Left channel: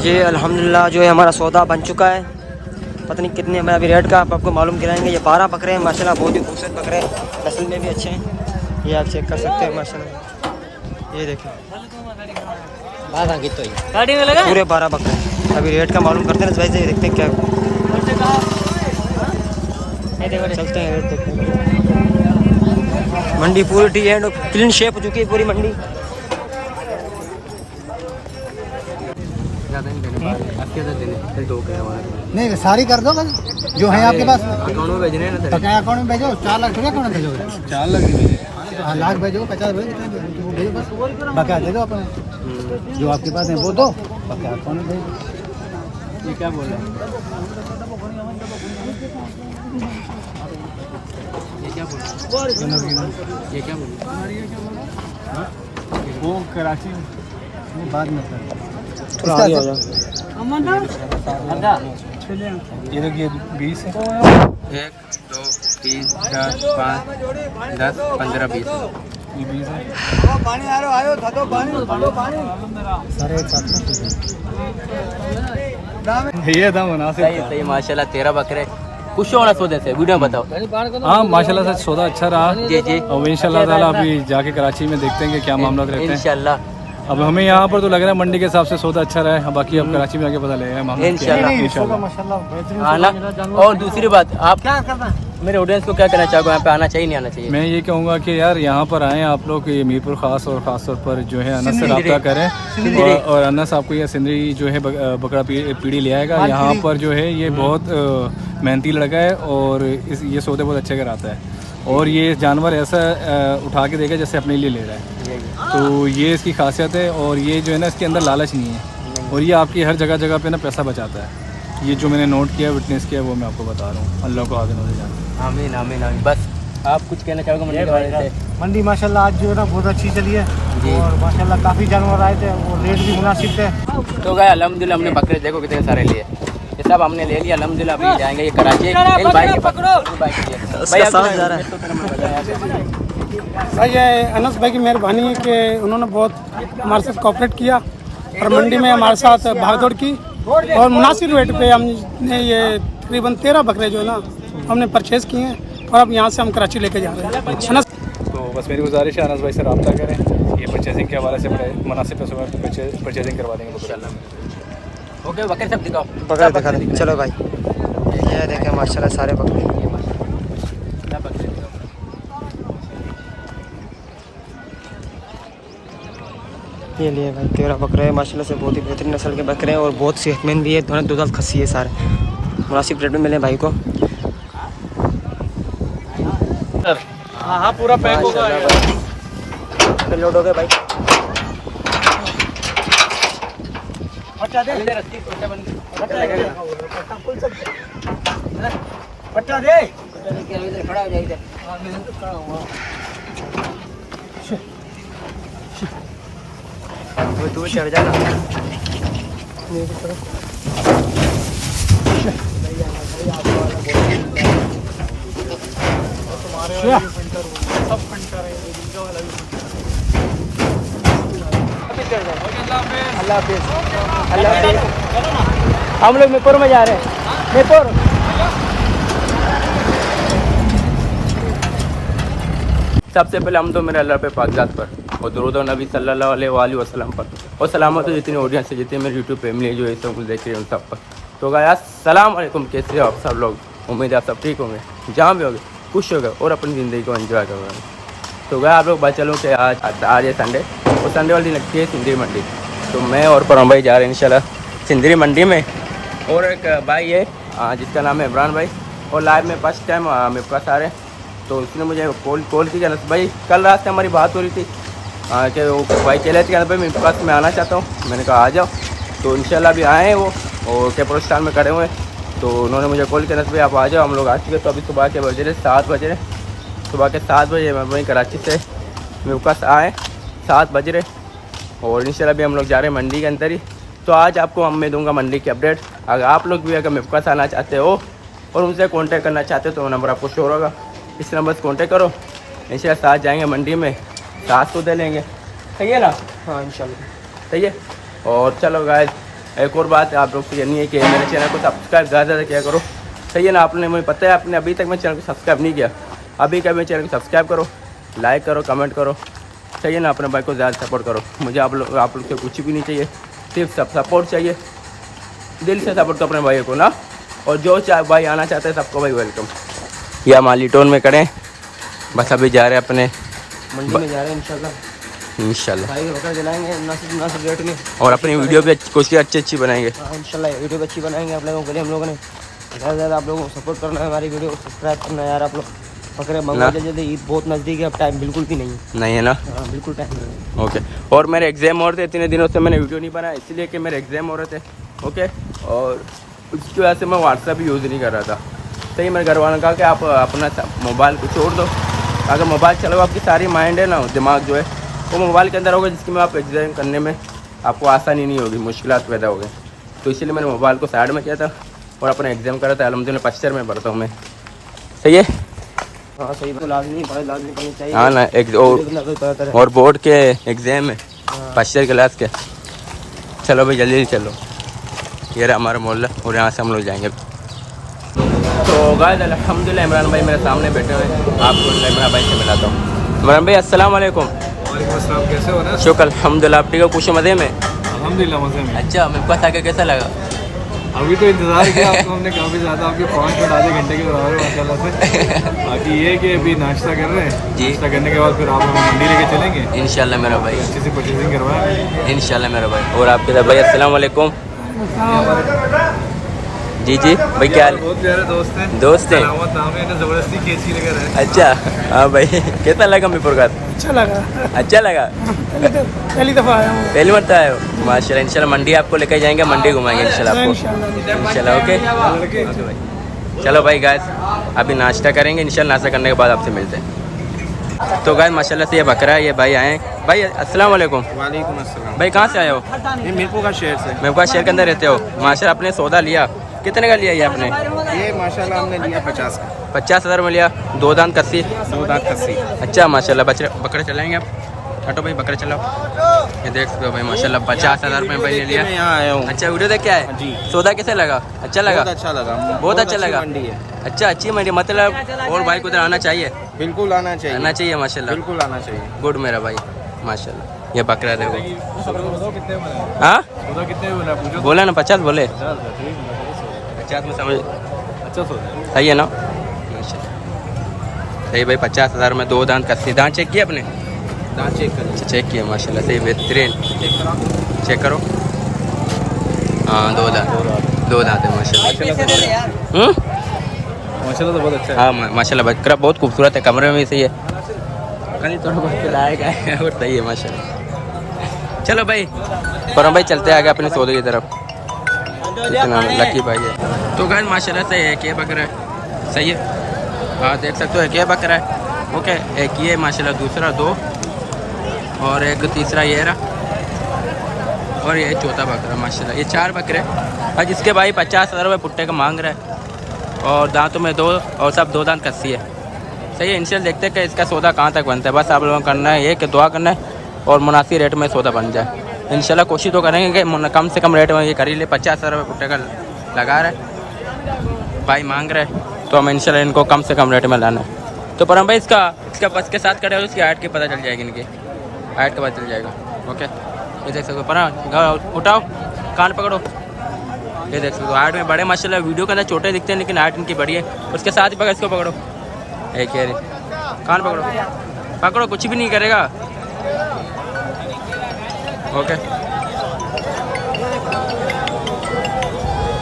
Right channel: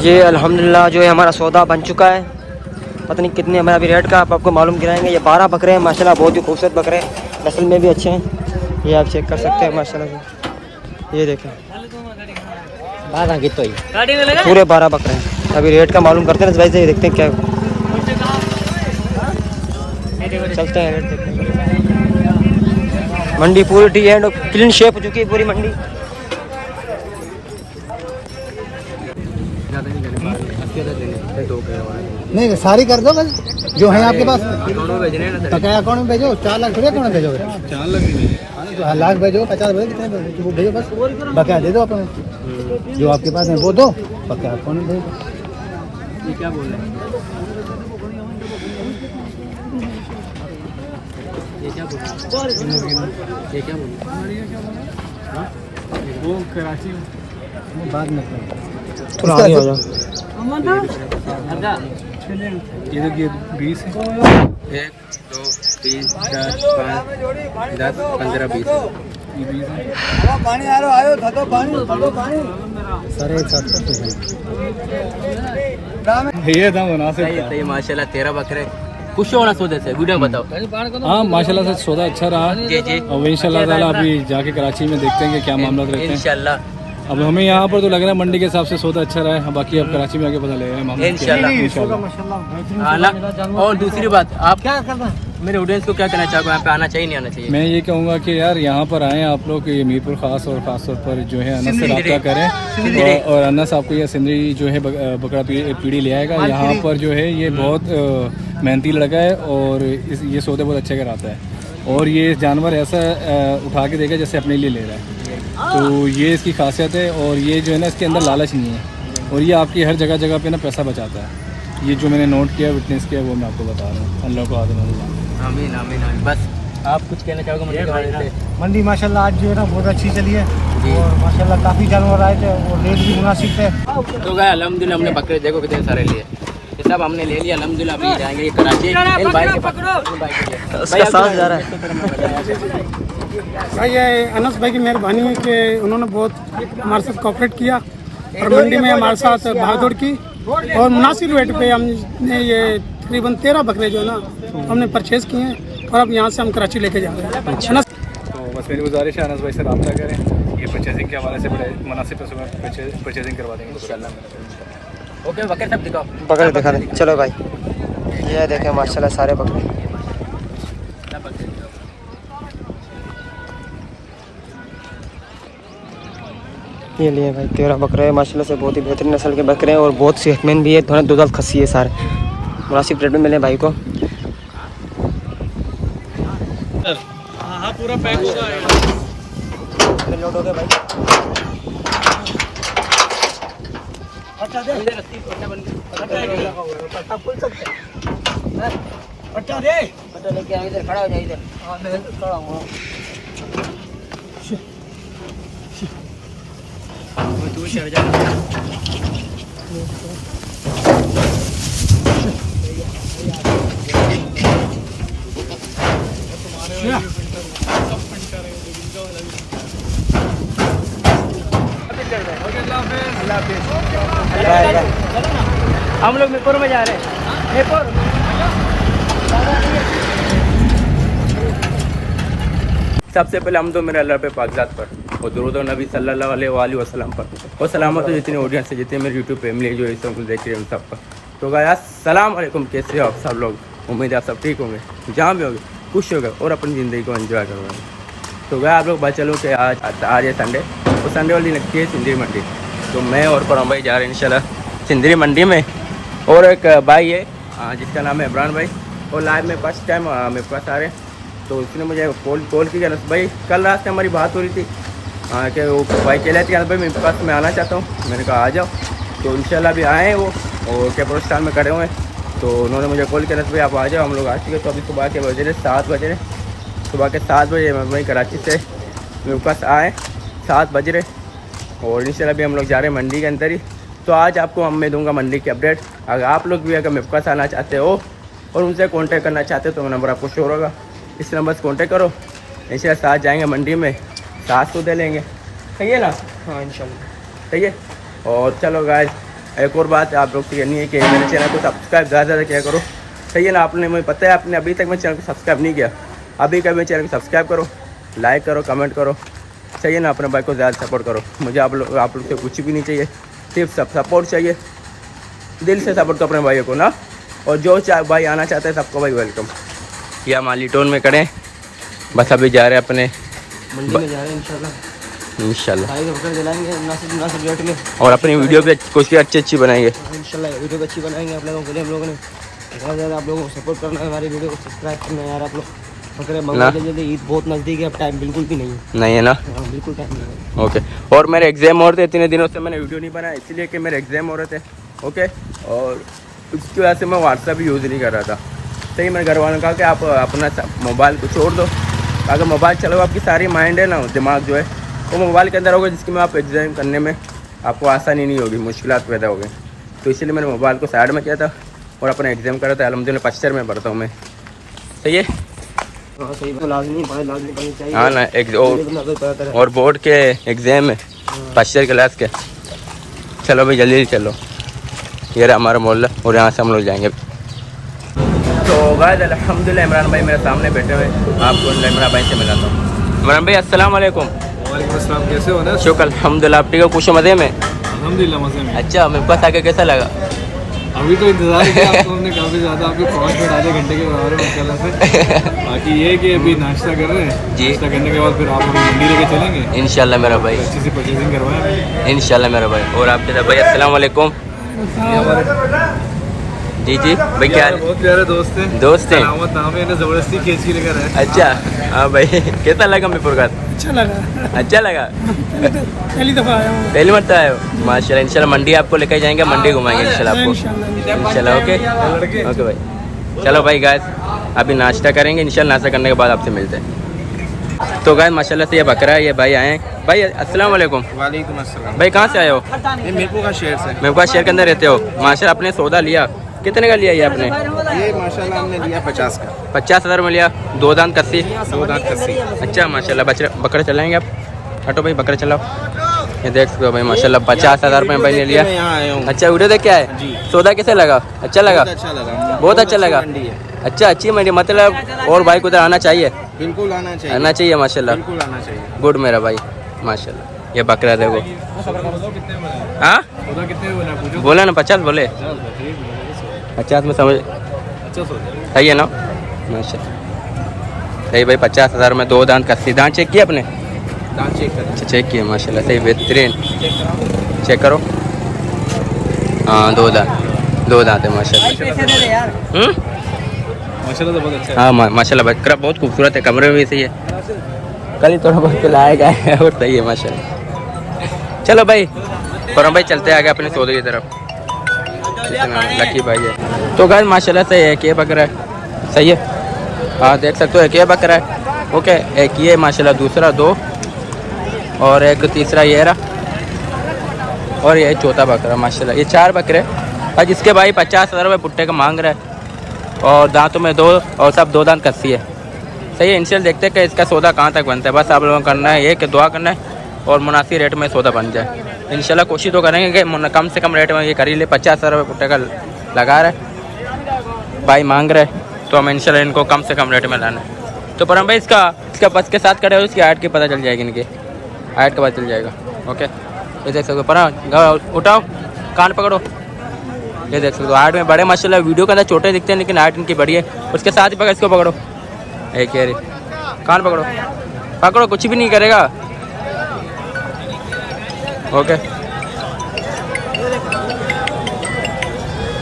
ये अल्हम्दुलिल्लाह जो है हमारा सौदा बन चुका है। पता नहीं कितने हमें अभी रेट का आपको मालूम गिराएंगे। ये 12 बकरे हैं माशाल्लाह, बहुत ही खूबसूरत बकरे हैं, नस्ल में भी अच्छे हैं। ये आप चेक कर सकते हैं माशाल्लाह से। ये देखें पूरे 12 बकरे हैं। अभी रेट का मालूम करते हैं भाई से, देखते हैं क्या चलते हैं। देखते हैं मंडी पूरी टी एंड क्लीन शेप हो चुकी है पूरी मंडी। नहीं सारी कर दो भाई जो है आपके पास। बकाया अकाउंट में भेजो। 4 लाख थोड़ी अकाउंट में भेजोगे। 4 लाख नहीं, तो लाख भेजो, 50 भेजो, कितना भेजो वो भेजो, बस बकाया दे दो अपने जो आपके पास है वो दो, बकाया अकाउंट में भेजो। ये क्या बोल रहे हैं? ये क्या बोल रहे हैं? वो कराची वो बाद में इसका ये 20 है। 1 2 3 4 5 10 15 20 सारे एक साथ ये था मुनासिब था। सही माशाल्लाह 13 बकरे खुश होना सौदे से वीडियो में बताओ। हाँ माशाल्लाह से सौदा अच्छा रहा। जी जी और इंशाल्लाह ताला अभी जाके कराची में देखते हैं कि क्या मामला रहते हैं। इंशाल्लाह अब हमें यहाँ पर तो लग रहा है मंडी के हिसाब से सौदा अच्छा रहा है, बाकी अब कराची में आके पता लगेगा मामला इंशाल्लाह। और दूसरी बात, आप क्या करना है मेरे ऑडियंस को क्या कहना चाहोगे, यहाँ पे आना चाहिए नहीं आना चाहिए? मैं ये कहूँगा कि यार यहाँ पर आएँ आप लोग, ये मीरपुर ख़ास और ख़ास तौर पर जो है अनस से रब्ता करें और अनस आपको ये सिंदरी जो है बकरा पीढ़ी ले आएगा। यहाँ पर जो है ये बहुत मेहनती लड़का है और ये सौदे बहुत अच्छे कराता है और ये जानवर ऐसा उठा के देगा जैसे अपने लिए ले रहा है। तो ये इसकी खासियत है और ये जो है ना इसके अंदर लालच नहीं है और ये आपकी हर जगह जगह पे ना पैसा बचाता है। ये जो मैंने नोट किया, विटनेस किया, वो मैं आपको बता रहा हूँ। अल्लाह को हाज़िर नाज़िर जान। आमीन आमीन आमीन। बस आप कुछ कहना चाहोगे मंडी के बारे में? मंडी माशाल्लाह आज जो है ना बहुत अच्छी चली है और माशाल्लाह काफ़ी जानवर आए थे और रेट भी मुनासिब थे। तो गए अल्हम्दुलिल्लाह हमने बकरे देखो कितने सारे लिए, ये सब हमने ले लिया अल्हम्दुलिल्लाह। अभी जाएंगे ये कराची इन भाई के पास, उसका साथ जा रहा है। भाई ये अनस भाई की मेहरबानी है कि उन्होंने बहुत हमारे साथ कोऑपरेट किया और मंडी में हमारे साथ भागदौड़ की और मुनासिब रेट पे हमने ये तकरीबन 13 बकरे जो है ना हमने परचेज़ किए हैं और अब यहाँ से हम कराची लेके जा रहे हैं। तो बस मेरी गुजारिश है अनस भाई से रब्ता करें, ये परचेजिंग के हवाले से बड़े मुनासिब पैसों में परचेजिंग करवा देंगे इंशाल्लाह। ओके बकरे सब दिखाओ, बकरे दिखा दें। चलो भाई ये देखें माशाल्लाह सारे बकरे। ये लिए भाई 13 बकरे हैं माशाल्लाह से, बहुत ही बेहतरीन नस्ल के बकरे हैं और बहुत सेहतमंद भी है। थोड़ा दुधात खसी है, सारे मुनासिब रेट में मिले भाई को। हाँ पूरा पैक होगा। लोड हो गए भाई। पट्टा दे पट्टा दे लेके आए इधर खड़ा हो जाए इधर। तू चढ़ जाएगा। हम लोग मीरपुर में जा रहे हैं। मीरपुर सबसे पहले हम तो मेरे अल्लाह पे पाकज़ात पर और दुरूद और नबी सल्लल्लाहु अलैहि वसल्लम पर और सलामत हो जितनी ऑडियंस है, जितने मेरे यूट्यूब फैमिली जो इस कुछ देख रहे हैं उन सब पर। तो गाइस अस्सलाम वालेकुम, कैसे हो आप सब लोग? उम्मीद है आप सब ठीक होंगे, जहाँ भी होंगे खुश होंगे और अपनी ज़िंदगी को एंजॉय करोगे। तो गाइस आप लोग बात चलूँ कि आज है संडे और संडे वाली दिन लगती है सिंदरी मंडी। तो मैं और परम भाई जा रहे हैं इंशाल्लाह सिंदरी मंडी में और एक भाई है जिसका नाम है इमरान भाई और लाइव में फर्स्ट टाइम मेरे पास आ रहे हैं। तो उसने मुझे कॉल की अनस भाई, कल रात से हमारी बात हो रही थी कि वो भाई चले थे अनस भाई मेरे पास मैं आना चाहता हूँ। मैंने कहा आ जाओ। तो इंशाल्लाह अभी आए हैं वो और कैपरोस्टान में खड़े हुए हैं। तो उन्होंने मुझे कॉल किया अनस भाई आप आ जाओ। हम लोग आ चुके। तो अभी सुबह के बजे रहे 7 बज रहे, सुबह के 7 बजे मैं वहीं कराची से मेरे पास आए 7 बज रहे और इंशाल्लाह अभी हम लोग जा रहे हैं मंडी के अंदर ही। तो आज आपको मैं दूंगा मंडी की अपडेट। अगर आप लोग भी अगर मेरे पास आना चाहते हो और उनसे कांटेक्ट करना चाहते हो तो मेरा नंबर आपको शो होगा, इस नंबर से कांटेक्ट करो। इंशाल्लाह साथ जाएंगे मंडी में, साथ तो दे लेंगे। सही है ना? हाँ इंशाल्लाह सही है। और चलो गाइस एक और बात आप लोग से कहनी है कि मेरे चैनल को सब्सक्राइब ज़्यादा ज़्यादा किया करो, सही है ना। आपने मुझे पता है आपने अभी तक मेरे चैनल को सब्सक्राइब नहीं किया, अभी कभी मेरे चैनल को सब्सक्राइब करो, लाइक करो, कमेंट करो, सही है ना। अपने भाई को ज़्यादा सपोर्ट करो। मुझे आप लोग से कुछ भी नहीं चाहिए, सिर्फ सब सपोर्ट चाहिए, दिल से सपोर्ट करो अपने भाइयों को ना। और जो भाई आना चाहते हैं सबको भाई वेलकम। या मालीटोन में करें, बस अभी जा रहे हैं अपने मंडी में जा रहे हैं इंशाल्लाह भाई के बकरे दिलाएंगे मुनासिब रेट में, और अपनी वीडियो भी कुछ अच्छी बनाएंगे इंशाल्लाह। वीडियो भी अच्छी बनाएंगे आप लोगों के लिए। हम लोगों ने ज़्यादा ज़्यादा आप लोगों को सपोर्ट करना है, हमारी वीडियो को सब्सक्राइब करना है यार। आप लोग बकरे मंगवा जल्दी, ईद बहुत नज़दीक है, अब टाइम बिल्कुल भी नहीं है ना। हाँ बिल्कुल टाइम नहीं है। ओके। और मेरे एग्ज़ाम हो रहे थे, इतने दिनों से मैंने वीडियो नहीं बनाया इसलिए कि मेरे एग्ज़ाम हो रहे थे। ओके, और उसकी वजह से मैं व्हाट्सएप यूज़ नहीं कर रहा था। सही, मेरे घर वालों ने कहा कि आप अपना मोबाइल को छोड़ दो, अगर मोबाइल चलाओ आपकी सारी माइंड है ना, दिमाग जो है वो मोबाइल के अंदर होगा, जिसकी में आप एग्ज़ाम करने में आपको आसानी नहीं होगी, मुश्किलात पैदा हो गई। तो इसलिए मैंने मोबाइल को साइड में किया था और अपना एग्ज़ाम करा था। अल्हम्दुलिल्लाह फर्स्ट ईयर में पढ़ता हूँ मैं, सही है। हाँ सही, लाजमी करनी चाहिए। हाँ ना, और बोर्ड के एग्ज़ाम है फर्स्ट ईयर क्लास के। चलो भाई जल्दी चलो, ये रहा हमारा मोहल्ला और यहाँ से हम लोग जाएंगे। तो गाइस अल्हम्दुलिल्लाह इमरान भाई मेरे सामने बैठे हुए हैं, आपको इमरान भाई से मिलाता हूँ। इमरान भाई अस्सलाम वालेकुम। वालेकुम अस्सलाम, कैसे हो ना? शुक्र अल्हम्दुलिल्लाह, आप ठीक हो? खुश मज़े में? अल्हम्दुलिल्लाह मज़े में। अच्छा, मेरे पास आके कैसा लगा? अभी तो इंतजार किया आपको हमने काफ़ी ज़्यादा, आपके 5 मिनट आधे घंटे के बराबर माशाल्लाह से। बाकी ये है कि अभी नाश्ता कर रहे हैं जी, नाश्ता करने के बाद फिर आप हमें मंडी लेके चलेंगे इंशाल्लाह मेरा भाई, अच्छे से परचेजिंग करवाएं इंशाल्लाह मेरा भाई। और आपके साथ भाई अस्सलाम वालेकुम। जी भाई क्या हाल? बहुत प्यारे दोस्त हैं नाम है, ज़बरदस्ती खींची लेकर है। अच्छा हाँ भाई, कैसा लगा मीरपुर का? अच्छा लगा पहली दफ़ा आया हूँ, पहली मरतबा आए हो? माशाल्लाह। इंशाल्लाह मंडी आपको लेकर जाएंगे, मंडी घुमाएंगे इंशाल्लाह आपको, इंशाल्लाह। ओके भाई, चलो भाई गाइस अभी नाश्ता करेंगे, इंशाल्लाह नाश्ता करने के बाद आपसे मिलते हैं। तो गाइस माशाल्लाह से ये बकरा है, ये भाई आए हैं। भाई अस्सलाम वालेकुम। वालेकुम अस्सलाम। भाई कहाँ से आए हो? मैं मीरपुर का शहर से। मीरपुर शहर के अंदर रहते हो? माशाल्लाह अपने सौदा लिया, कितने का लिया ये आपने? ये माशाल्लाह हमने लिया 50 का। 50,000 में लिया, 2 दांत कस्सी। 2 दांत कस्सी। अच्छा माशाल्लाह। बकरे चलाएंगे आप? हटो भाई, बकरे चलाओ। ये देख सकते हो भाई माशाल्लाह 50,000 रुपये भाई ने लिया। मैं यहाँ आया हूँ। अच्छा वीडियो देख क्या है जी? सौदा कैसे लगा? अच्छा लगा? बहुत अच्छा लगा। अच्छा अच्छी मंडी, मतलब और भाई को उधर आना चाहिए, बिल्कुल आना चाहिए माशाल्लाह, बिल्कुल आना चाहिए। गुड मेरा भाई माशाल्लाह। ये बकरा देखो। हाँ कितने बोला ना 50 बोले, 50 में समझ सही है ना माशाल्लाह। सही भाई 50,000 में 2 दांत कस्सी। दांत चेक किया अपने? दांत चेक करो। चेक किया माशाल्लाह, सही बेहतरीन। चेक करो, हाँ 2 दांत है माशाल्लाह। माशाल्लाह तो बहुत अच्छा है। हाँ माशाल्लाह बकरा बहुत खूबसूरत है, कमरे में भी सही है, कल थोड़ा बहुत लाएगा और सही है माशाल्लाह। चलो भाई फौरन भाई चलते आगे अपने सौदे की तरफ। इतना लकी भाई है। तो गाइस माशाल्लाह से एक ये बकरा है, सही है। हाँ देख सकते हो, एक ये बकरा है। ओके, एक ये माशाल्लाह, दूसरा 2 और एक तीसरा ये रहा, और ये चौथा बकरा माशाल्लाह। ये 4 बकरे और जिसके भाई 50,000 रुपये पुट्टे का मांग रहा है, और दांतों में 2 और सब 2 दांत कस्सी है, सही है। इनसे देखते हैं कि इसका सौदा कहाँ तक बनता है। बस आप लोगों को करना है ये कि दुआ करना है और मुनासिब रेट में सौदा बन जाए। इंशाल्लाह कोशिश तो करेंगे कि कम से कम रेट में ये कर ही ले। 50,000 रुपये पुट्टे का लगा रहे भाई, मांग रहे, तो हम इंशाल्लाह इनको कम से कम रेट में लाना है। तो पर हम भाई इसका बस के साथ करे, उसकी हाइट की पता चल जाएगी, इनकी हाइट का पता चल जाएगा। ओके, ये देख सकते हो। पर उठाओ, कान पकड़ो, ये देख सकते हो। हाइट में बड़े माशाल्लाह, वीडियो के अंदर छोटे दिखते हैं लेकिन हाइट इनकी बड़ी है। उसके साथ ही पकड़, इसको पकड़ो, एक कह रही, कान पकड़ो, कुछ भी नहीं करेगा। ओके,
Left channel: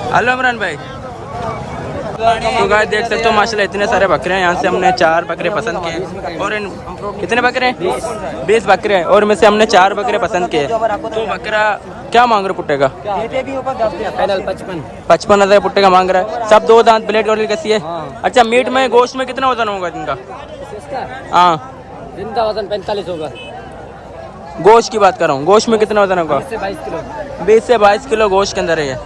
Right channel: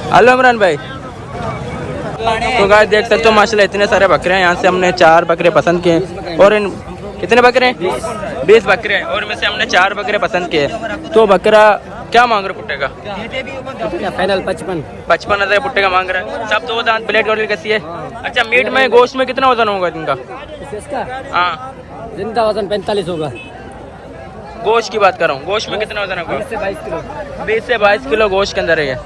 हेलो इमरान भाई। तो गाइस देख सकते हो माशाल्लाह इतने सारे बकरे हैं। यहाँ से हमने 4 बकरे पसंद किए, और इन कितने बकरे हैं? 20 बकरे हैं, और इनमें से हमने 4 बकरे पसंद किए। तो बकरा क्या मांग रहे पुट्टे का? 55,000 पुट्टे का मांग रहा है। सब 2 दांत, प्लेट और कसी है। अच्छा, मीट में गोश्त में कितना वजन होगा इनका? हाँ, इनका वजन 45 होगा। गोश्त की बात कर रहा हूँ, गोश्त में कितना वजन होगा? 20 से 22 किलो गोश्त के अंदर है।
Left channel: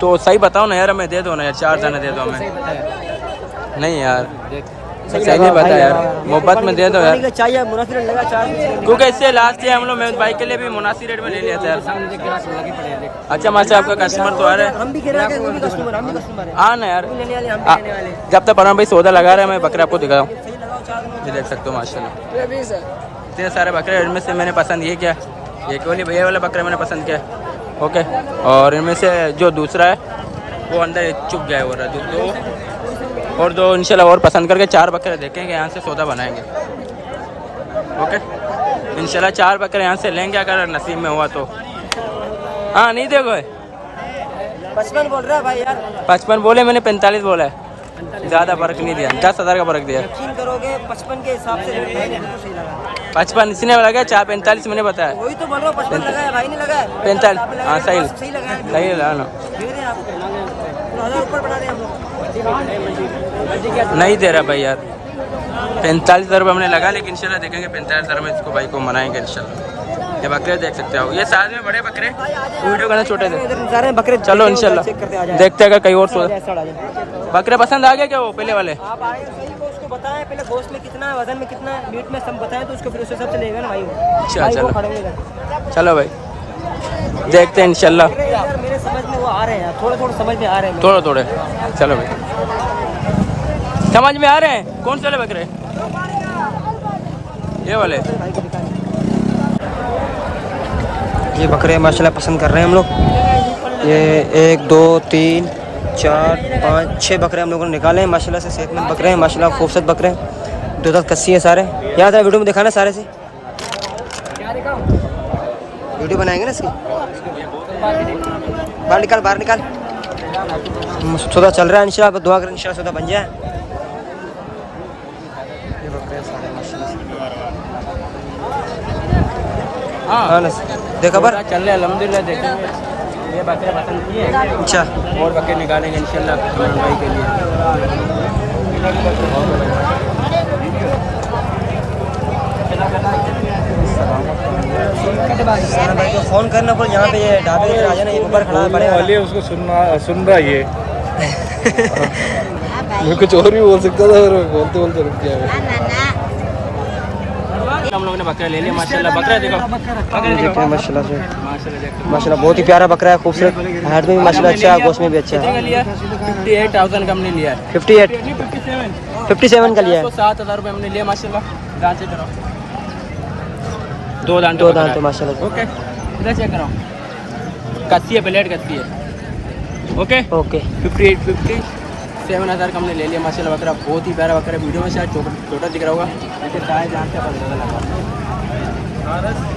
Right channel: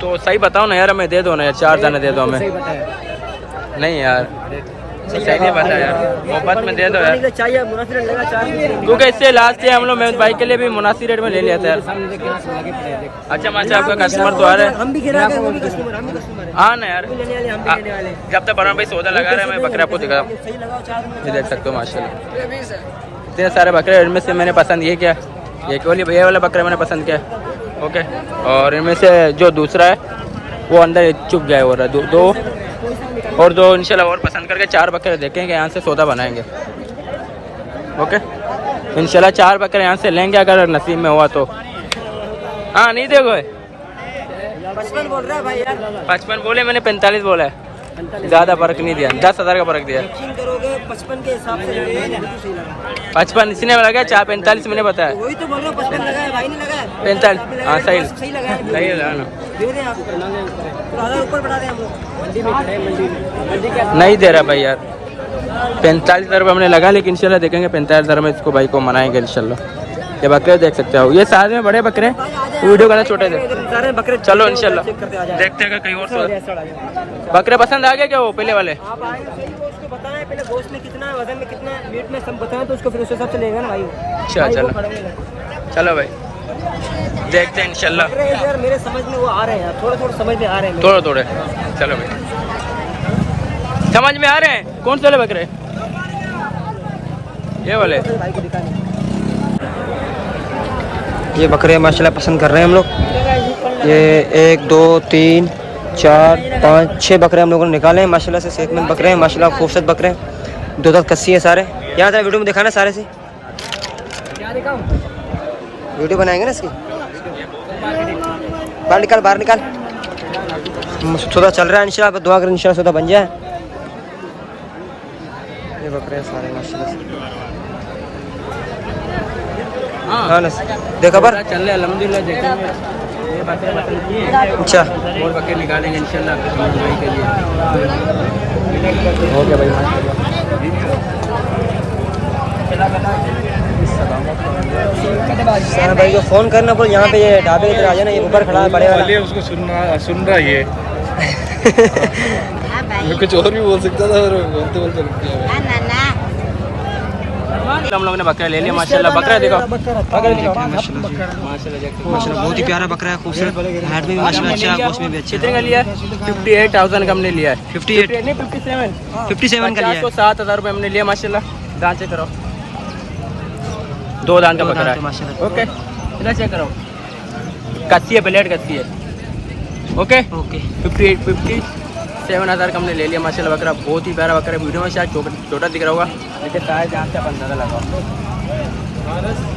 तो सही बताओ ना यार, हमें दे दो ना यार, 4 दाने दे दो हमें। नहीं यार, सही नहीं बता यार, मोहब्बत में दे दो यार, चाहिए मुनासिब रेट लगा 4 क्योंकि इससे लास्ट है हम लोग मैं बाइक के लिए भी मुनासिब रेट में ले लिया था यार। अच्छा माशा आपका कस्टमर तो आ रहा है, हम भी गिरा वो भी कस्टमर हम भी कस्टमर है, हाँ ना यार, हम भी लेने वाले हम भी लेने वाले। जब तक परम भाई सौदा लगा रहा है मैं बकरे आपको दिखा रहा हूँ, सही लगाओ 4 ये देख सकते हो माशाल्लाह ये नहीं सर इतने सारे बकरे, इनमें से मैंने पसंद ये किया, ये केवल भैया वाला बकरा मैंने पसंद किया। ओके, और इनमें से जो दूसरा है वो अंदर चुप गया हो रहा है, दो और दो इंशाल्लाह और पसंद करके 4 बकरे देखेंगे, यहाँ से सौदा बनाएंगे। ओके इंशाल्लाह 4 बकरे यहाँ से लेंगे अगर नसीब में हुआ तो। हाँ नहीं देखो 55 बोल रहा है भाई यार, 55 बोले, मैंने 45 बोला है, ज़्यादा फर्क नहीं दिया, 10,000 का फर्क दिया। यकीन करोगे 55 के हिसाब से सही लगा, 55 इसने लगा, 45 मैंने बताया, वही तो बोल रहा हूँ 55 लगाया भाई ने लगाया 45 हाँ सही सही लगाया सही लगा ना, दे रहे हैं आप ऊपर बना रहे हैं नहीं दे रहा भाई यार, 45,000 रुपये हमने लगा, लेकिन इंशाल्लाह देखेंगे 45,000 में इसको भाई को मनाएंगे इंशाल्लाह। ये बकरे देख सकते हो, ये साथ में बड़े बकरे, वीडियो करना छोटे थे, सारे बकरे चलो इंशाल्लाह देखते अगर कहीं और सो बकरे पसंद आ गए क्या वो पहले वाले। आप आए सही वो उसको बताएं पहले, गोश्त में कितना है, वजन में कितना है, मीट में सब बताएं तो उसको फिर उस हिसाब से लेगा ना भाई वो। अच्छा भाई वो चलो खड़ेंगे। चलो भाई देखते हैं इंशाल्लाह, बकरे यार मेरे समझ में वो आ रहे हैं यार, थोड़े थोड़े समझ में आ रहे हैं थोड़े थोड़े, चलो भाई समझ में आ रहे हैं। कौन से वाले बकरे, ये वाले, ये बकरे माशाल्लाह पसंद कर रहे हैं हम लोग। ये 1 2 3 4 5 6 बकरे हम लोगों ने निकाले हैं माशाल्लाह से, सेहतमंद बकरे हैं माशाल्लाह, खूबसूरत बकरे हैं, 2 दांत कस्सी है सारे। याद है वीडियो में दिखाना सारे से, वीडियो बनाएंगे ना इसकी, बाहर निकाल सौदा चल रहा है इंशाल्लाह, दुआ करें इंशाल्लाह सौदा बन जाए। ये बकरे हैं सारे माशाल्लाह से, हाँ ना देखा पर चल रहे अल्हम्दुलिल्लाह, देखेंगे ये बकरे पसंद किए, अच्छा और बकरे निकालेंगे इंशाल्लाह कस्टमर भाई के लिए। सारा भाई को फोन करना बोल, यहाँ पे ये ढाबे इधर आ जाना, ये ऊपर खड़ा है बड़े वाला, उसको सुन रहा ये ये कुछ और भी बोल सकता था, बोलते बोलते रुक गया। हम लोगों ने बकरा ले लिया माशाल्लाह, बकरा देखो माशाल्लाह से माशाल्लाह बहुत ही प्यारा बकरा है, खूबसूरत, हाइट में भी माशाल्लाह अच्छा है, गोश्त में भी अच्छा है। 58,000 का हमने लिया है, 57 का लिया है, 7,000 रुपये हमने लिया माशाल्लाह। दांत चेक करो, 2 दांत का बकरा है माशाल्लाह। ओके इधर चेक करो, कच्ची है, प्लेट कच्ची है। ओके 57,000 का हमने ले लिया माशाल्लाह, बकरा बहुत ही प्यारा बकरा है, वीडियो में शायद छोटा दिख रहा होगा, लगा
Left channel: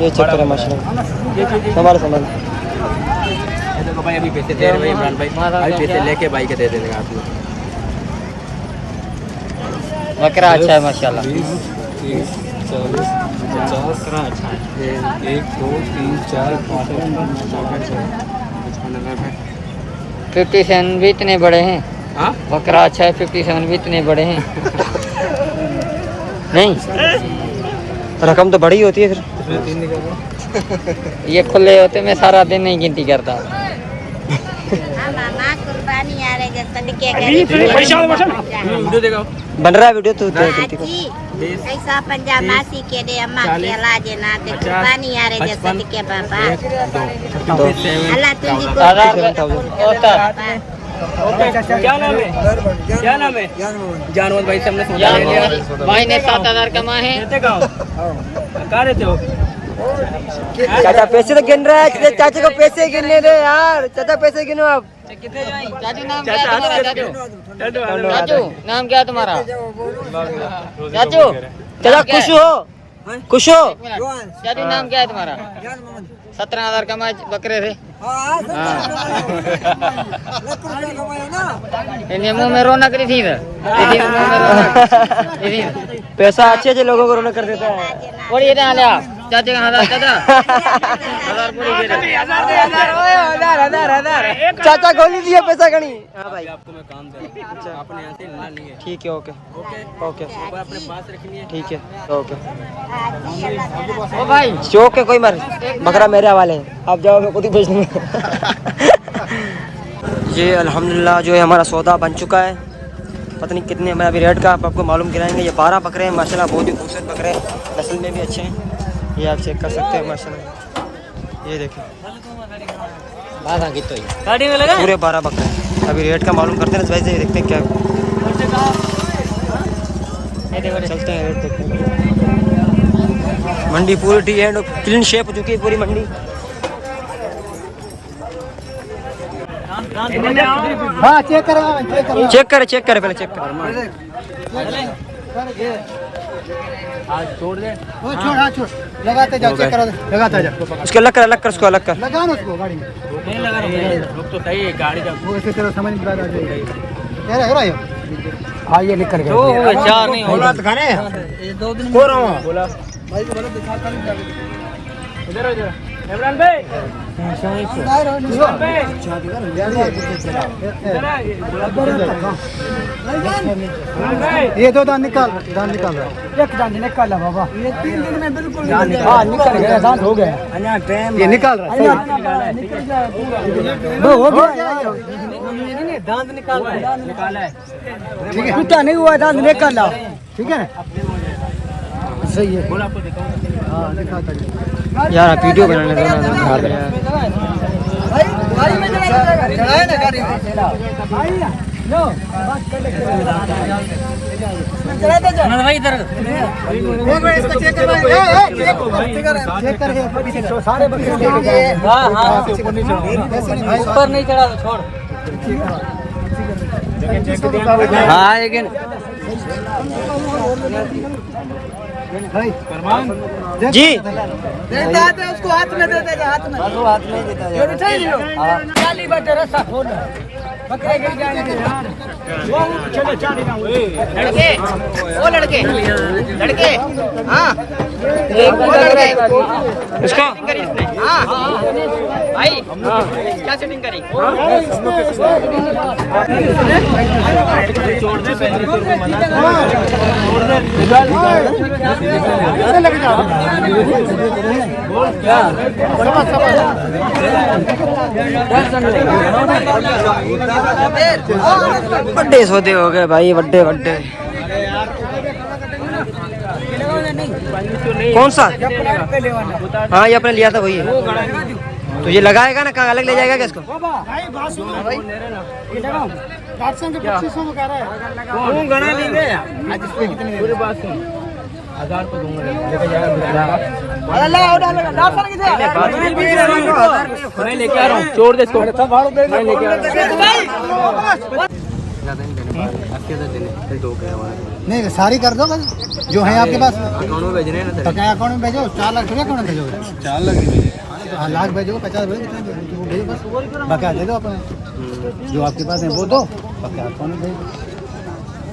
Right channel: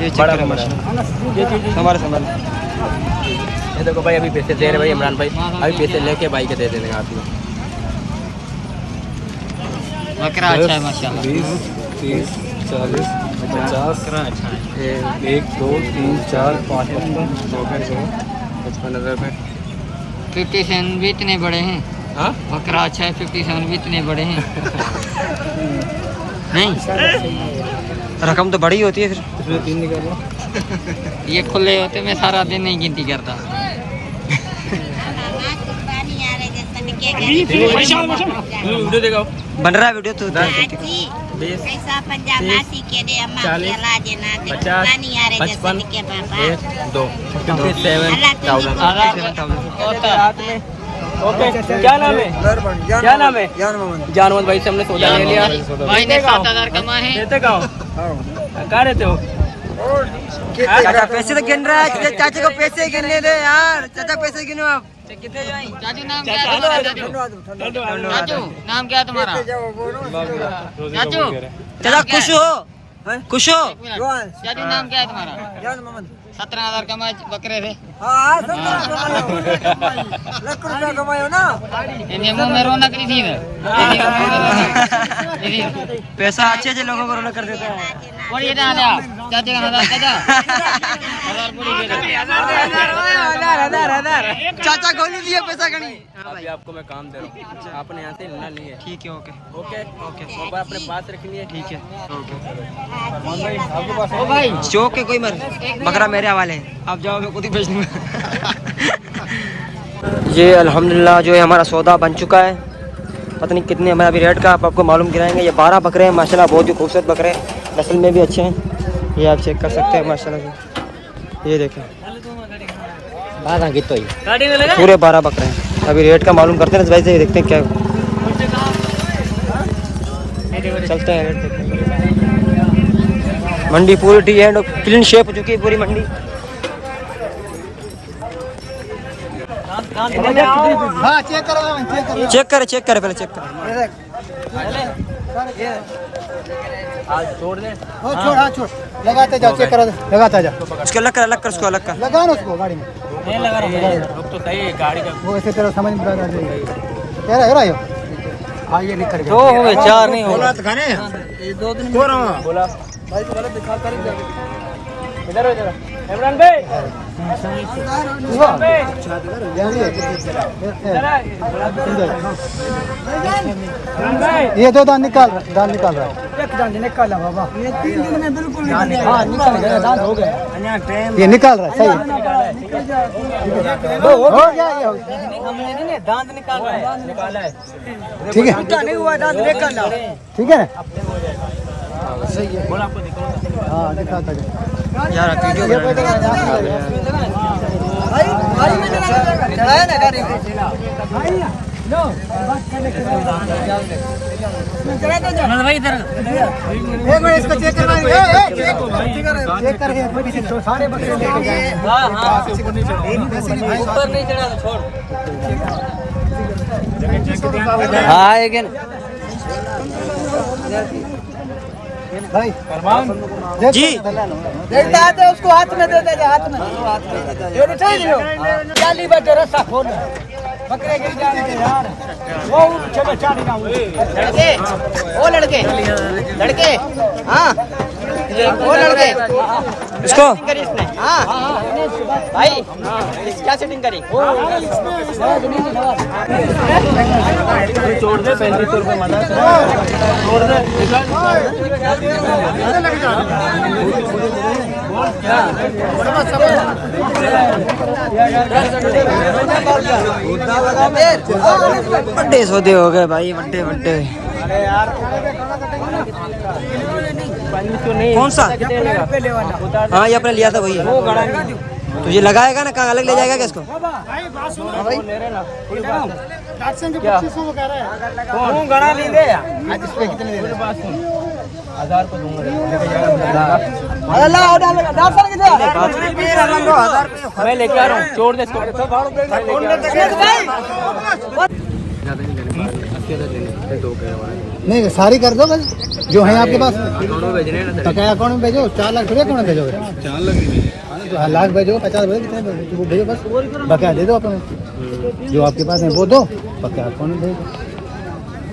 ये चेक करें माशाल्लाह, संभाल देखो भाई, अभी पैसे दे रहे भाई इमरान भाई, अभी पैसे लेके भाई के दे देंगे आप लोग। बकरा अच्छा है माशाल्लाह, 30 40 50 1 2 3 4 5 55,000 रुपये। 57 भी इतने बड़े हैं, हाँ बकरा अच्छा है, 57 भी इतने बड़े हैं नहीं, रकम तो बड़ी होती है फिर, इसमें 3 निकालो। ये खुले होते मैं सारा दिन नहीं गिनती करता। वीडियो दिखाओ, बन रहा है वीडियो तो ऐसा पंजाब नासी के दे अम्मा के लाजे ना दे पानी आ रे जैसे के बाबा 2 अल्लाह तुझे ओके क्या नाम है, क्या नाम है, जानवर भाई से हमने सौदा ले लिया, भाई ने 7,000 कमाए हैं। रहते कहाँ रहते हो, चाचा पैसे तो गिन रहा है, चाचा को पैसे गिनने दे यार, चाचा पैसे गिनो आप। चाचू नाम क्या है तुम्हारा, नाम क्या है तुम्हारा चाचू, चाचा खुश हो खुश हो, चाचू नाम क्या है तुम्हारा, 17,000 कमाए बकरे थे, मुँह में रौनक नहीं थी, पैसा अच्छे अच्छे लोगों को रौनक कर देता है। चाचा हजार चाचा गोली दिया पैसा गणी। अभी आपको मैं काम दे रहा हूँ, आपने यहाँ से लेना नहीं है, ठीक है ओके ओके ओके मोबाइल अपने पास रखनी है, ठीक है ओके। ओ भाई शौक है कोई मर, बकरा मेरे हवाले है, आप जाओ मैं खुद ही बेच दूँगा। ये अल्हम्दुलिल्लाह जो है हमारा सौदा बन चुका है, पता नहीं कितने हमें अभी रेट का आपको मालूम कराएंगे। ये 12 बकरे हैं माशाल्लाह, बहुत ही खूबसूरत बकरे हैं, नस्ल में भी अच्छे हैं। ये आप चेक कर सकते हैं माशाल्लाह से। ये देखें पूरे 12 बकरे हैं। अभी रेट का मालूम करते हैं ना, वैसे ही देखते हैं क्या चलते हैं। मंडी पूरी टी एंड क्लीन शेप हो चुकी है पूरी मंडी। हाँ चेक करो चेक करे पहले चेक कर। आज छोड़ दे। छोड़, हाँ छोड़, लगाते जाओ, चेक करो, लगाते जाओ। उसको अलग कर उसको अलग कर। लगाओ ना उसको गाड़ी में। नहीं लगा रहा हूँ तो सही है गाड़ी का। वो ऐसे करो, समझ में आ रहा है। हो रहा है। हाँ ये निकल गया। 2 होंगे 4 नहीं होंगे। ये 2 दिन बोल रहा हूँ। बोला भाई गलत दिखा कर इधर हो जरा इमरान भाई ये 2 दान निकाल रहा हूँ। एक दान निकाल रहा बाबा। ये 3 दिन में बिल्कुल निकाल ये निकाल रहा है, सही दांत निकाला है। ठीक है, नहीं हुआ दांत निकाल रहा, ठीक है। बोला आपको देता हूँ यार आप वीडियो बनाने दो यार। चेक करके ऊपर नहीं चढ़ा तो छोड़। हाँ भाई फरमान जी देता है उसको हाथ में दे देगा, हाथ में ये बिठा दियो। खाली बटे रस्सा खोल बकरे गिर जाएंगे यार। वो चलो चाली ना लड़के, वो लड़के हाँ वो लड़के इसको हाँ भाई क्या सेटिंग करी। छोड़ दे 3500 रुपये मजा छोड़ दे निकाल बोल क्या बड़े सौदे हो गए भाई, बड़े कौन सा? हाँ ये अपने लिया था वही है। तो ये लगाएगा ना, कहाँ अलग ले जाएगा क्या इसको? गणा नहीं दे आज इसमें कितनी पूरी बात सुन 1000 तो दूंगा लेके जाएगा मैं लेके आ रहा हूँ। छोड़ दे इसको नहीं सारी कर दो भाई जो है आपके पास। दोनों भेज रहे हैं बकाया अकाउंट में भेजो। 4 लाख थोड़ी अकाउंट में भेजोगे। 4 लाख नहीं, तो लाख भेजो, 50 भेजो, कितना भेजो वो भेजो बस। बकाया दे दो अपने जो आपके पास है वो दो, बकाया अकाउंट में भेजो।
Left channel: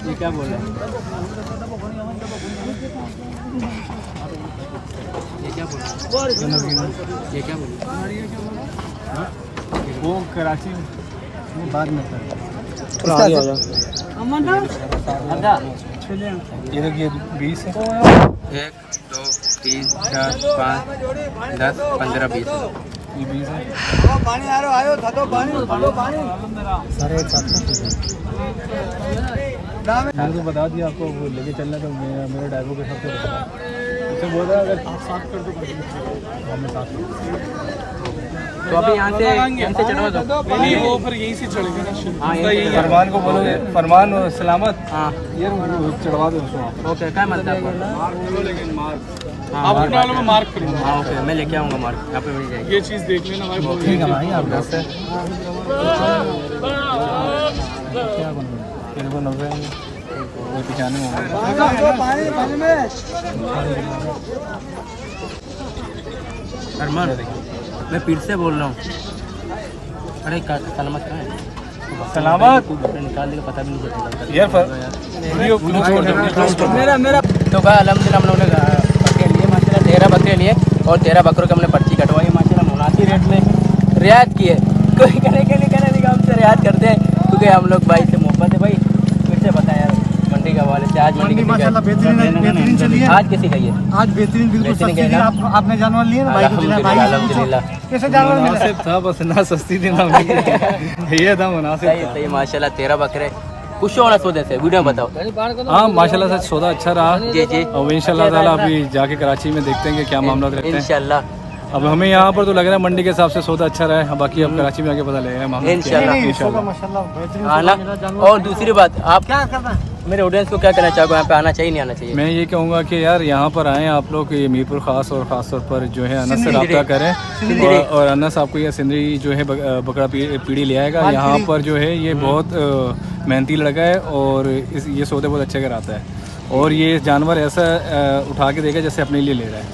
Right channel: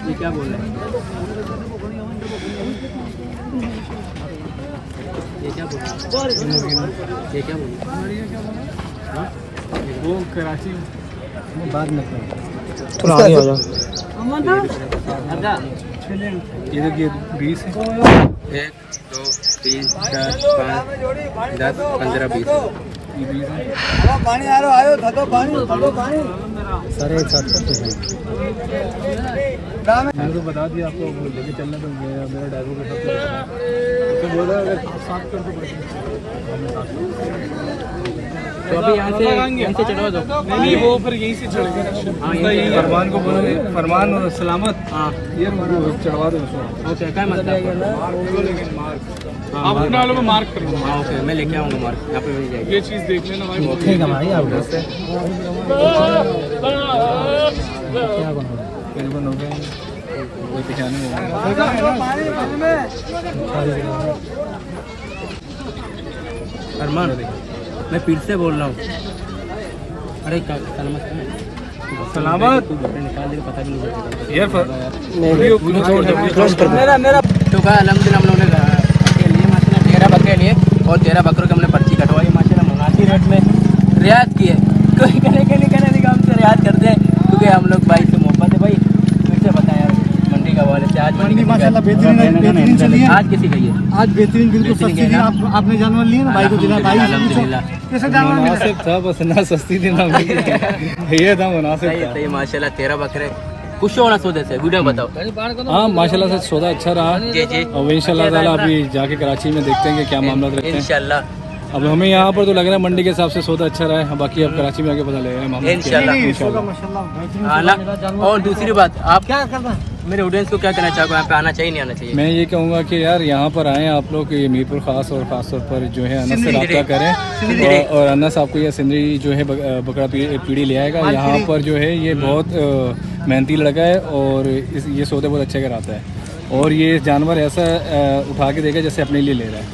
ये क्या बोल रहे हैं ये क्या बोल वो कराची वो बाद में कर इधर की 20 है। 1 2 3 4 5 10 15 20 ये 20 है। सारे एक साथ मुझे बता दिया आपको वो लेके चलना तो मेरे ड्राइवर के साथ तो बोल रहा है तो अभी यहाँ से चढ़वा दो। नहीं वो फिर यहीं से चढ़ेगा। हाँ फरमान को बोलोगे, फरमान और सलामत हाँ ये चढ़वा दो उसको। ओके क्या मतलब लेकिन मार्क हाँ आप अपने वालों को मार्क करेंगे। हाँ ओके मैं लेके आऊँगा मार्क यहाँ पे मिल जाएगी। ये चीज़ देख लेना भाई। ठीक है भाई आप मेरे को नंबर कोई पहचान नहीं होगा। अरमान मैं पीर से बोल रहा हूँ। अरे सलामत कहाँ है? सलामत निकाल देगा पता भी नहीं चलेगा यार मेरा तो कहा अलहमदिल्ला हम लोगों ने बकरे लिए माशाल्लाह 13 बकरे लिए और 13 बकरों की हमने पर्ची कटवाई माशाल्लाह मुनासिब रेट में रियायत की है। कोई कहने के लिए हमसे रियायत करते हैं क्योंकि हम लोग भाई से मोहब्बत है। भाई फिर से बताया मंडी का वाले से आज मंडी माशाल्लाह बेहतरीन चली है। आज किसी का ये आज बेहतरीन बिल्कुल सस्ती थी। आपने जानवर लिए ना भाई को दिला, भाई से पूछो कैसे जानवर मिला। मुनासिब था बस ना सस्ती थी ना महंगी थी। ये था मुनासिब था। सही माशाल्लाह 13 बकरे खुश होना सौदे से, वीडियो में बताओ। हाँ माशाल्लाह से सौदा अच्छा रहा। जी जी और इंशाल्लाह ताला अभी जाके कराची में देखते हैं कि क्या मामला रहते हैं। इंशाल्लाह अब हमें यहाँ पर तो लग रहा है मंडी के हिसाब से सौदा अच्छा रहा है, बाकी अब कराची में आके पता लगेगा मामला क्या है। इंशाल्लाह। और दूसरी बात, आप क्या करना मेरे ऑडियंस को क्या कहना चाहोगे, यहाँ पे आना चाहिए नहीं आना चाहिए? मैं ये कहूँगा कि यार यहाँ पर आएँ आप लोग, ये मीरपुर ख़ास और ख़ास तौर पर जो है अनस से रब्ता करें और अनस आपको ये सिंदरी जो है बकरा पीढ़ी ले आएगा। यहाँ पर जो है ये बहुत मेहनती लड़का है और ये सौदे बहुत अच्छे कराता है और ये जानवर ऐसा उठा के देगा जैसे अपने लिए ले रहा है।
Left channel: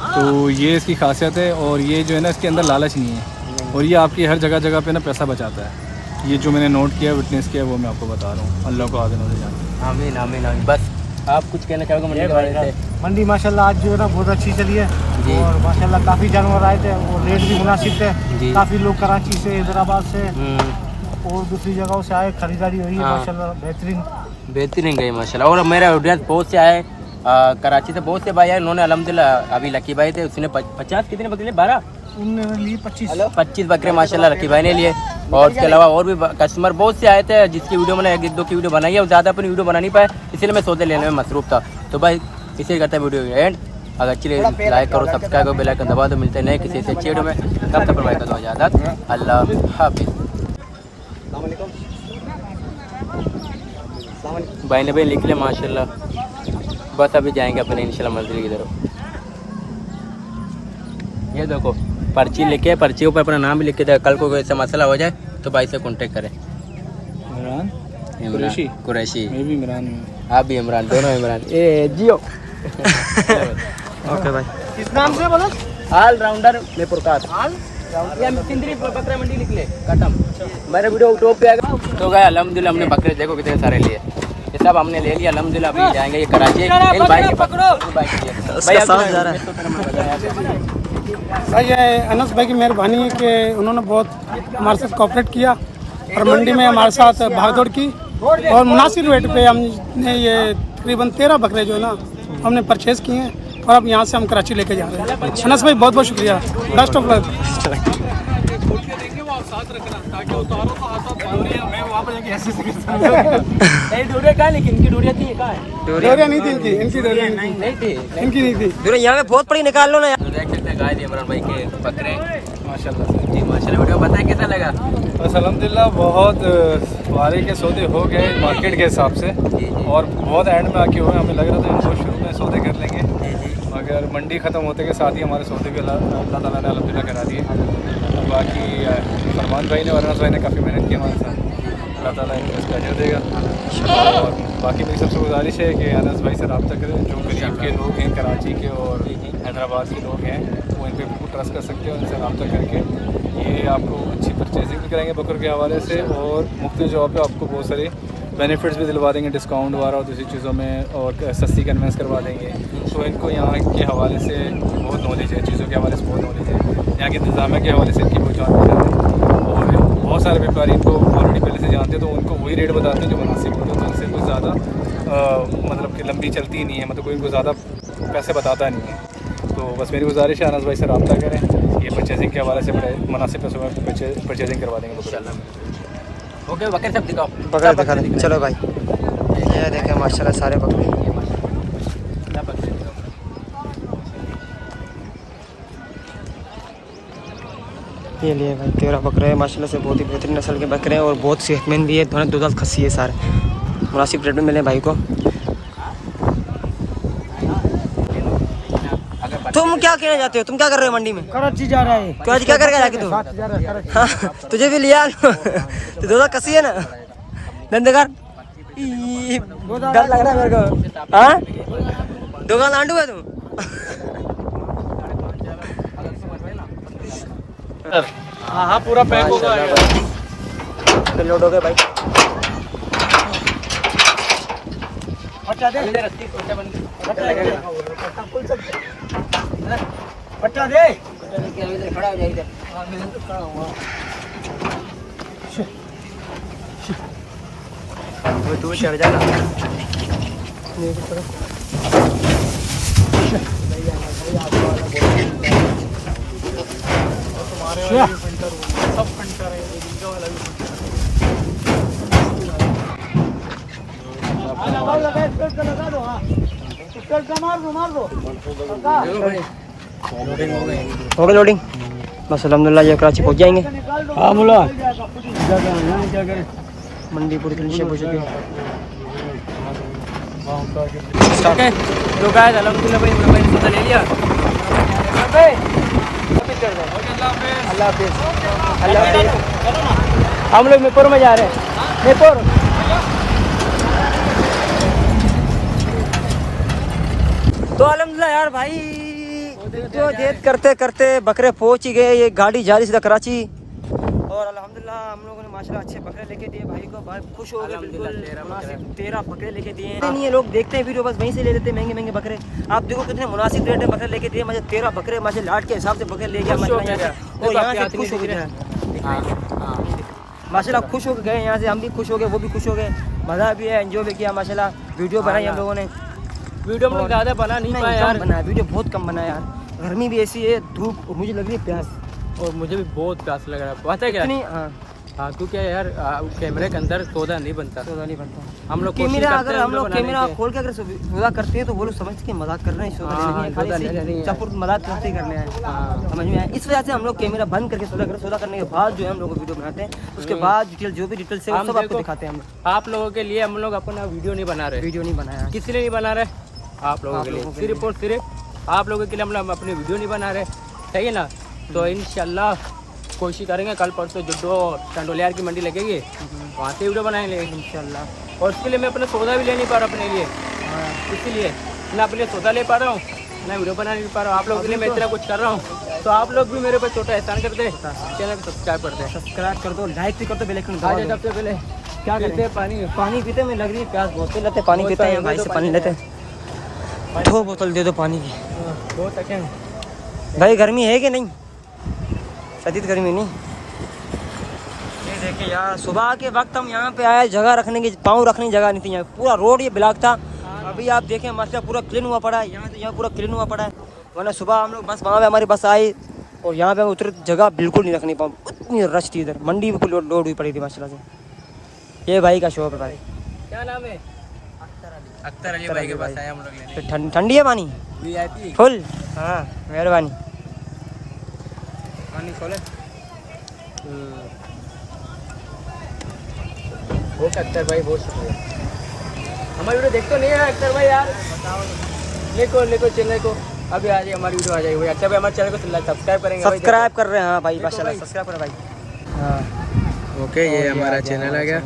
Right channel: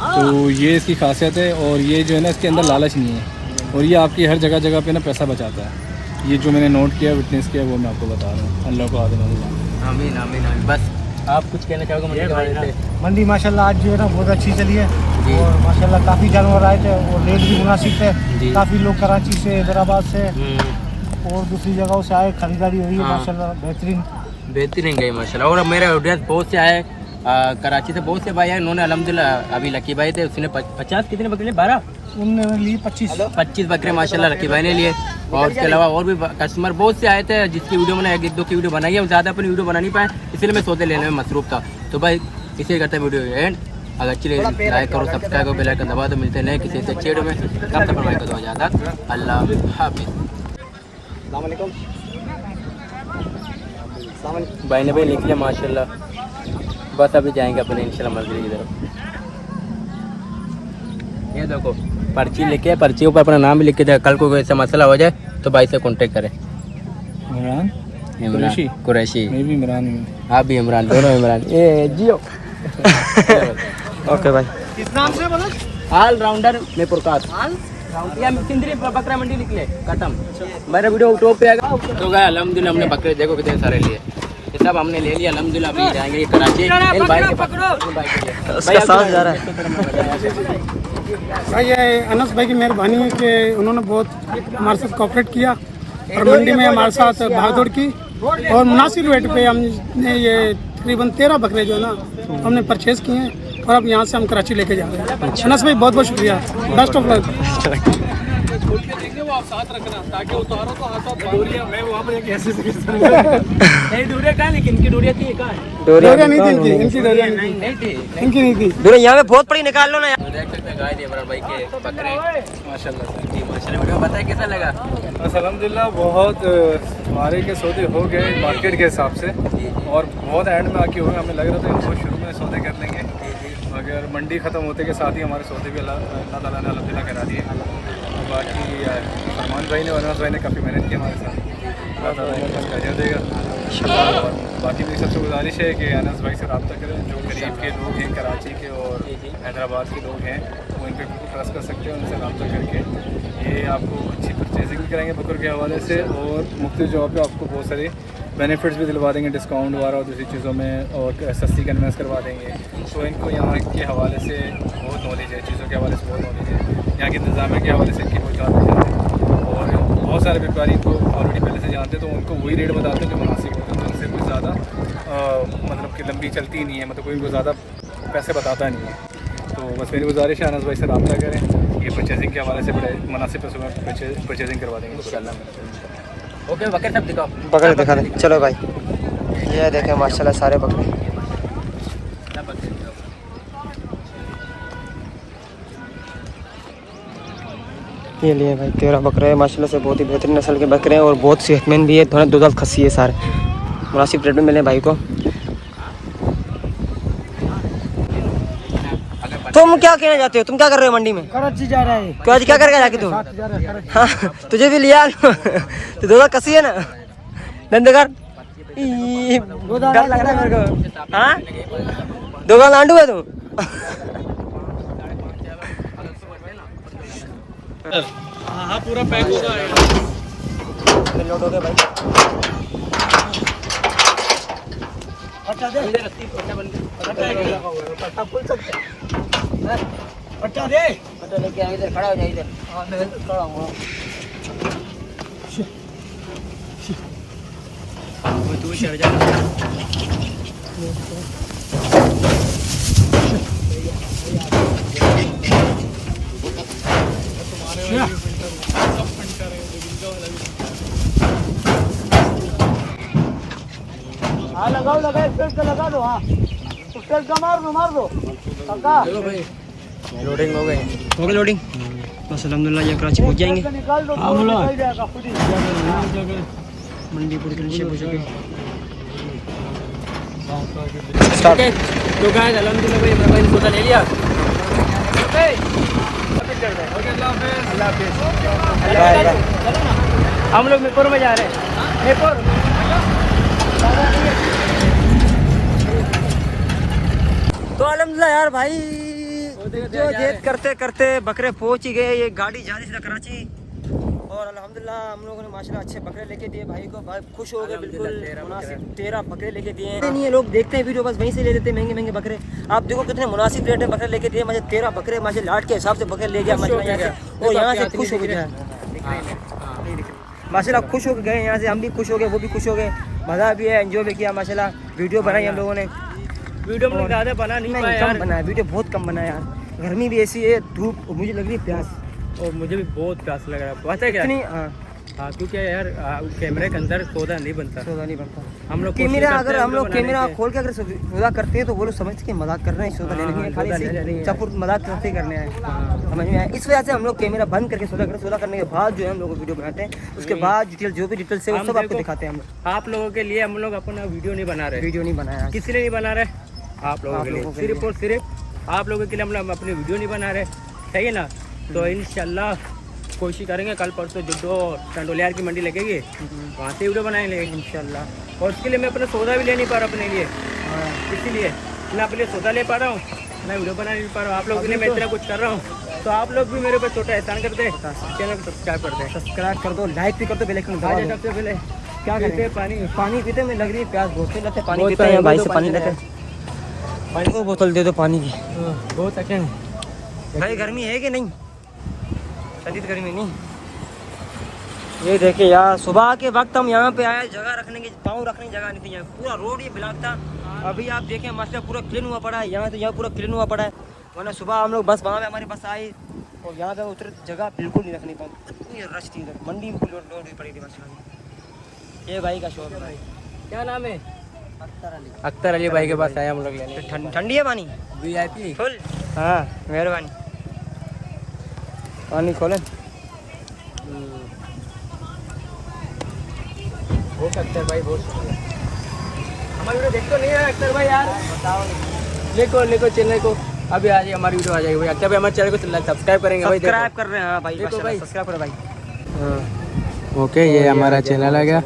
तो ये इसकी खासियत है और ये जो है ना इसके अंदर लालच नहीं है और ये आपकी हर जगह जगह पे ना पैसा बचाता है। ये जो मैंने नोट किया, विटनेस किया, वो मैं आपको बता रहा हूँ। अल्लाह को आदिन से जान। आमीन आमीन आमीन। बस आप कुछ कहना चाहोगे मंडी के बारे में? मंडी माशाल्लाह आज जो है ना बहुत अच्छी चली है और माशाल्लाह काफ़ी जानवर आए थे और रेट भी मुनासिब थे। काफ़ी लोग कराची से, हैदराबाद से और दूसरी जगहों से आए, खरीदारी हुई है माशाल्लाह बेहतरीन गई माशाल्लाह। और मेरा ऑडियंस बहुत से आए कराची से, बहुत से भाई आए, उन्होंने अल्हम्दुलिल्लाह अभी लकी भाई थे, उसने 50 कितने बकरे, 12 उन्होंने ली 25 बकरे माशाल्लाह लकी भाई ने लिए। और उसके अलावा और भी कस्टमर बहुत से आए थे, जिसकी वीडियो मैंने 1-2 की वीडियो बनाई है, ज़्यादा अपनी वीडियो बना नहीं पाए, इसलिए मैं सौदे लेने में मसरूफ था। तो भाई इसे करता है वीडियो एंड, अगर अच्छी लाइक करो, सब्सक्राइब करो, बेल आइकन दबा दो। मिलते हैं नए किसी से अच्छी वीडियो में, तब तक भाई का दो इजाज़त, अल्लाह हाफिज़। भाई ने भाई लिख लिया माशाल्लाह। बस अभी जाएंगे अपने इंशाल्लाह मंजिल की तरफ। ये देखो पर्ची लेके, पर्ची ऊपर अपना नाम भी लिख के दे, कल को ऐसा मसला हो जाए तो भाई से कांटेक्ट करें। कुरैशी मैं भी इमरान हूँ। आप भी इमरान, दोनों इमरान। ए जियो। ओके भाई। किस नाम से बोलो? ऑल राउंडर में प्रकाश। ये सिंदरी बकरा मंडी निकले खत्म। मेरे वीडियो टॉप पे आएगा। तो गए अल्हम्दुलिल्लाह, हमने बकरे देखो कितने सारे लिए, ये सब हमने ले लिया अल्हम्दुलिल्लाह। अभी जाएंगे ये कराची, इन भाई के पास, उसका साथ जा रहा है। भाई ये अनस भाई की मेहरबानी है कि उन्होंने बहुत हमारे साथ कोऑपरेट किया और मंडी में हमारे साथ भागदौड़ की और मुनासिब रेट पे हमने ये तकरीबन 13 बकरे जो है ना हमने परचेज़ किए हैं और अब यहाँ से हम कराची लेके जा रहे हैं। अनस भाई बहुत बहुत शुक्रिया, बेस्ट ऑफ लक। डोरिया नहीं थी इनकी डोरिया नहीं थी, इनकी नहीं थी। यहाँ पे बहुत बड़ी निकाल लो ना यार। तो देख सकते हैं गाय इमरान भाई के बकरे माशाल्लाह से। जी माशाल्लाह। वीडियो बताएं कैसा लगा? बस अल्हम्दुलिल्लाह बहुत हमारे के सौदे हो गए मार्केट के हिसाब से और बहुत एंड में आके हुए। हमें लग रहा था इनको शुरू में सौदे कर लेंगे, मगर मंडी ख़त्म होते के साथ ही हमारे सौदे भी अल्लाह ताला ने अल्हम्दुलिल्लाह करा दिए। और बाकी फरमान भाई ने और अनस भाई ने काफ़ी मेहनत की हमारे साथ, अल्लाह ताला इनको अजर देगा। और बाकी मेरी सबसे गुजारिश है कि अनस भाई से रब्ता करें, जो करीब के लोग हैं कराची के और हैदराबाद के लोग हैं वो इन पर बिल्कुल ट्रस्ट कर सकते हैं। उनसे रब्ता करके ये आपको अच्छी परचेजिंग भी कराएंगे बकर के हवाले से और मुख्तलिफ जगह पे आपको बहुत सारे बेनिफिट्स भी दिलवा देंगे, डिस्काउंट वगैरह और दूसरी चीज़ों में, और सस्ती कन्वेंस करवा देंगे। तो इनको यहाँ के हवाले से बहुत नॉलेज है, चीज़ों के हवाले से बहुत नॉलेज है, यहाँ के इंतज़ामिया के हवाले से इनकी बहुत जानकारी है। और बहुत सारे व्यापारी इनको ऑलरेडी पहले से जानते हैं, तो उनको वही रेट बताते हैं जो मुनासिब होता है। तो इनसे कुछ ज़्यादा मतलब कि लंबी चलती नहीं है, मतलब कोई इनको ज़्यादा पैसे बताता नहीं है। तो बस मेरी गुजारिश है अनस भाई से रब्ता करें, ये परचेजिंग के हवाले से बड़े मुनासिब पैसों में परचेजिंग करवा देंगे इंशाल्लाह। ओके बकरे सब दिखाओ। बकरे दिखा दे, चलो भाई। ये देखें माशाल्लाह सारे बकरे। ये लिए भाई 13 बकरे हैं माशाल्लाह से, बहुत ही बेहतरीन नस्ल के बकरे हैं और बहुत सेहतमंद भी है। थोड़ा 2 दांत खस्सी है, सारे मुनासिब रेट में मिले भाई को। तुम क्या कहना चाहते हो? तुम क्या कर रहे हो मंडी में? कराची जा रहा है। कराची क्या करके जाके तुम? जा रहा है कराची। हाँ, तुझे भी लिया तो 2 दांत कसी है ना धंधेगार। डर लग रहा है मेरे को। हाँ 2 दांत लांडू है तुम। हाँ पूरा पैक होगा। लोड हो गए भाई। पट्टा दे, पट्टा दे। खड़ा हो इधर। हाँ मैं खड़ा हूँ। तू चढ़ जाना। लगा दो। हाँ मार दो। लोडिंग हो गई लोडिंग। बस अल्हम्दुलिल्लाह ये कराची पहुंच जाएंगे। हाँ मुला मंडीपुर के नीचे पहुंच गए। ओके तो गाइस अल्हम्दुलिल्लाह भाई हमारा भाई ने सौदा ले लिया। हम लोग मीरपुर में जा रहे हैं। मीरपुर तो अल्हम्दुलिल्लाह यार भाई जो जेद करते करते बकरे पहुंच ही गए। ये गाड़ी जा रही सीधा कराची और अल्हम्दुलिल्लाह हम लोगों ने माशाल्लाह अच्छे बकरे लेके दिए भाई को। भाई खुश हो गए बिल्कुल मुनासिब 13 बकरे लेके दिए हैं। नहीं है लोग देखते हैं वीडियो बस वहीं से ले लेते हैं महंगे महंगे बकरे। आप देखो कितने मुनासिब रेट में बकरे लेके दिए। मुझे 13 बकरे मुझे लाट के हिसाब से बकरे ले गया माशाल्लाह यहाँ से। और यहाँ से खुश हो गए माशाल्लाह, खुश हो गए यहाँ से। हम भी खुश हो गए, वो भी खुश हो गए। मज़ा भी है, एंजॉय भी किया माशाल्लाह। वीडियो बनाई हम लोगों ने। वीडियो में ज़्यादा बना नहीं पाया यार। कम बनाया वीडियो, बहुत कम बनाया यार। गर्मी भी ऐसी है, धूप, और मुझे लग रही है प्यास। और मुझे भी बहुत प्यास लग रहा है। पता है क्या? इतनी हाँ क्योंकि यार कैमरे के अंदर सौदा नहीं बनता। सौदा नहीं बनता। हम लोग कैमरा अगर हम लोग कैमरा खोल के अगर सौदा करते हैं तो वो लोग समझते हैं मजाक कर रहे हैं, सौदा लेने हैं, खाली चपुर मजाक करते ही करने आए। समझ में आया? इस वजह से हम लोग कैमरा बंद करके सौदा करें। सौदा करने के बाद जो है हम लोग वीडियो बनाते हैं। उसके बाद डिटेल जो भी डिटेल्स है वो सब आपको दिखाते हैं हम लोग। आप लोगों के लिए हम लोग अपना वीडियो नहीं बना रहे। वीडियो नहीं बनाया किस लिए नहीं बना रहे? आप लोगों के लिए सिर्फ और सिर्फ आप लोगों के लिए हम लोग अपनी वीडियो नहीं बना रहे, सही है ना? तो इंशाल्लाह कोशिश करेंगे कल परसों जुड्डो टंडोलियार की मंडी लगेगी, वहाँ से वीडियो बनाएंगे इंशाल्लाह। और उसके लिए मैं अपना सौदा भी ले नहीं पा रहा अपने लिए, इसीलिए ना अपने सौदा ले पा रहा हूँ ना वीडियो बना नहीं पा रहा हूँ। आप लोगों के लिए मैं इतना कुछ कर रहा हूँ, तो आप लोग भी मेरे ऊपर छोटा एहसान कर दे, चैनल को सब्सक्राइब कर दे, सब्सक्राइब कर दो, लाइक भी कर दो, बेल आइकन दबा दो। सबसे पहले क्या करते हैं? पानी पीते। मैं लग रही है प्यास बहुत लेते, पानी पीते हैं भाई से, पानी लेते हैं। 2 बोतल दे दो पानी की। बहुत अच्छे भाई गर्मी है कि नहीं? शदीद गर्मी नहीं। ये देखिए यार, सुबह के वक्त हम यहाँ पे आए, जगह रखने की, पाँव रखने की जगह नहीं थी यहाँ। पूरा रोड ये ब्लॉक था। अभी आप देखें माशाल्लाह पूरा क्लीन हुआ पड़ा है यहाँ, तो यहाँ पूरा क्लीन हुआ पड़ा है। वरना सुबह हम लोग बस वहाँ पे हमारी बस आई और यहाँ पे उतर जगह बिल्कुल नहीं रखनी पाऊँ, इतनी रश थी इधर। मंडी बिल्कुल लोड हुई पड़ी थी माशाल्लाह से। ये भाई का शॉप है भाई। क्या नाम है? अख्तर अली भाई के पास आए हम लोग लेने। ठंडी है पानी VIP फुल? हाँ मेहरबानी। पानी खोलें। बहुत अख्तर भाई, बहुत शुक्रिया। हमारी वीडियो देखते नहीं है अख्तर भाई यार? देखो चैनल को अभी आ जाए, हमारी वीडियो आ जाएगी भाई। अख्तर भाई हमारे चैनल को सब्सक्राइब करेंगे। सब्सक्राइब कर रहे हैं हाँ भाई, माशाल्लाह सब्सक्राइब करो भाई। हाँ ओके, ये हमारा चैनल आ गया,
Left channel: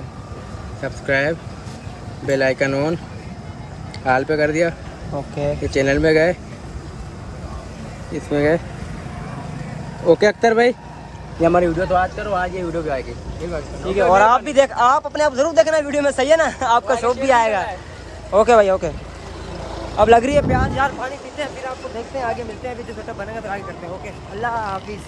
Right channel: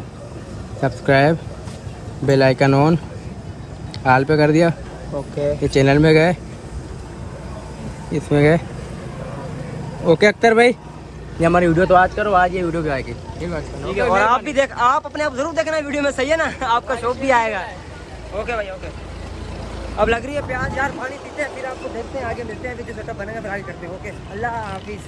subscribe, bell icon on, all पे कर दिया। ओके ये चैनल में गए, इसमें गए। ओके अख्तर भाई, ये हमारी वीडियो तो आज करो, आज ये वीडियो भी आएगी, ठीक है। और आप भी देख, आप अपने आप जरूर देखना वीडियो में, सही है ना? आपका शौक भी आएगा। ओके भाई ओके। अब लग रही है प्याज यार, पानी पीते हैं फिर आपको देखते हैं, आगे मिलते हैं, फिर जो सेटअप बनेगा फिर आगे करते हैं। ओके, अल्लाह हाफिज़।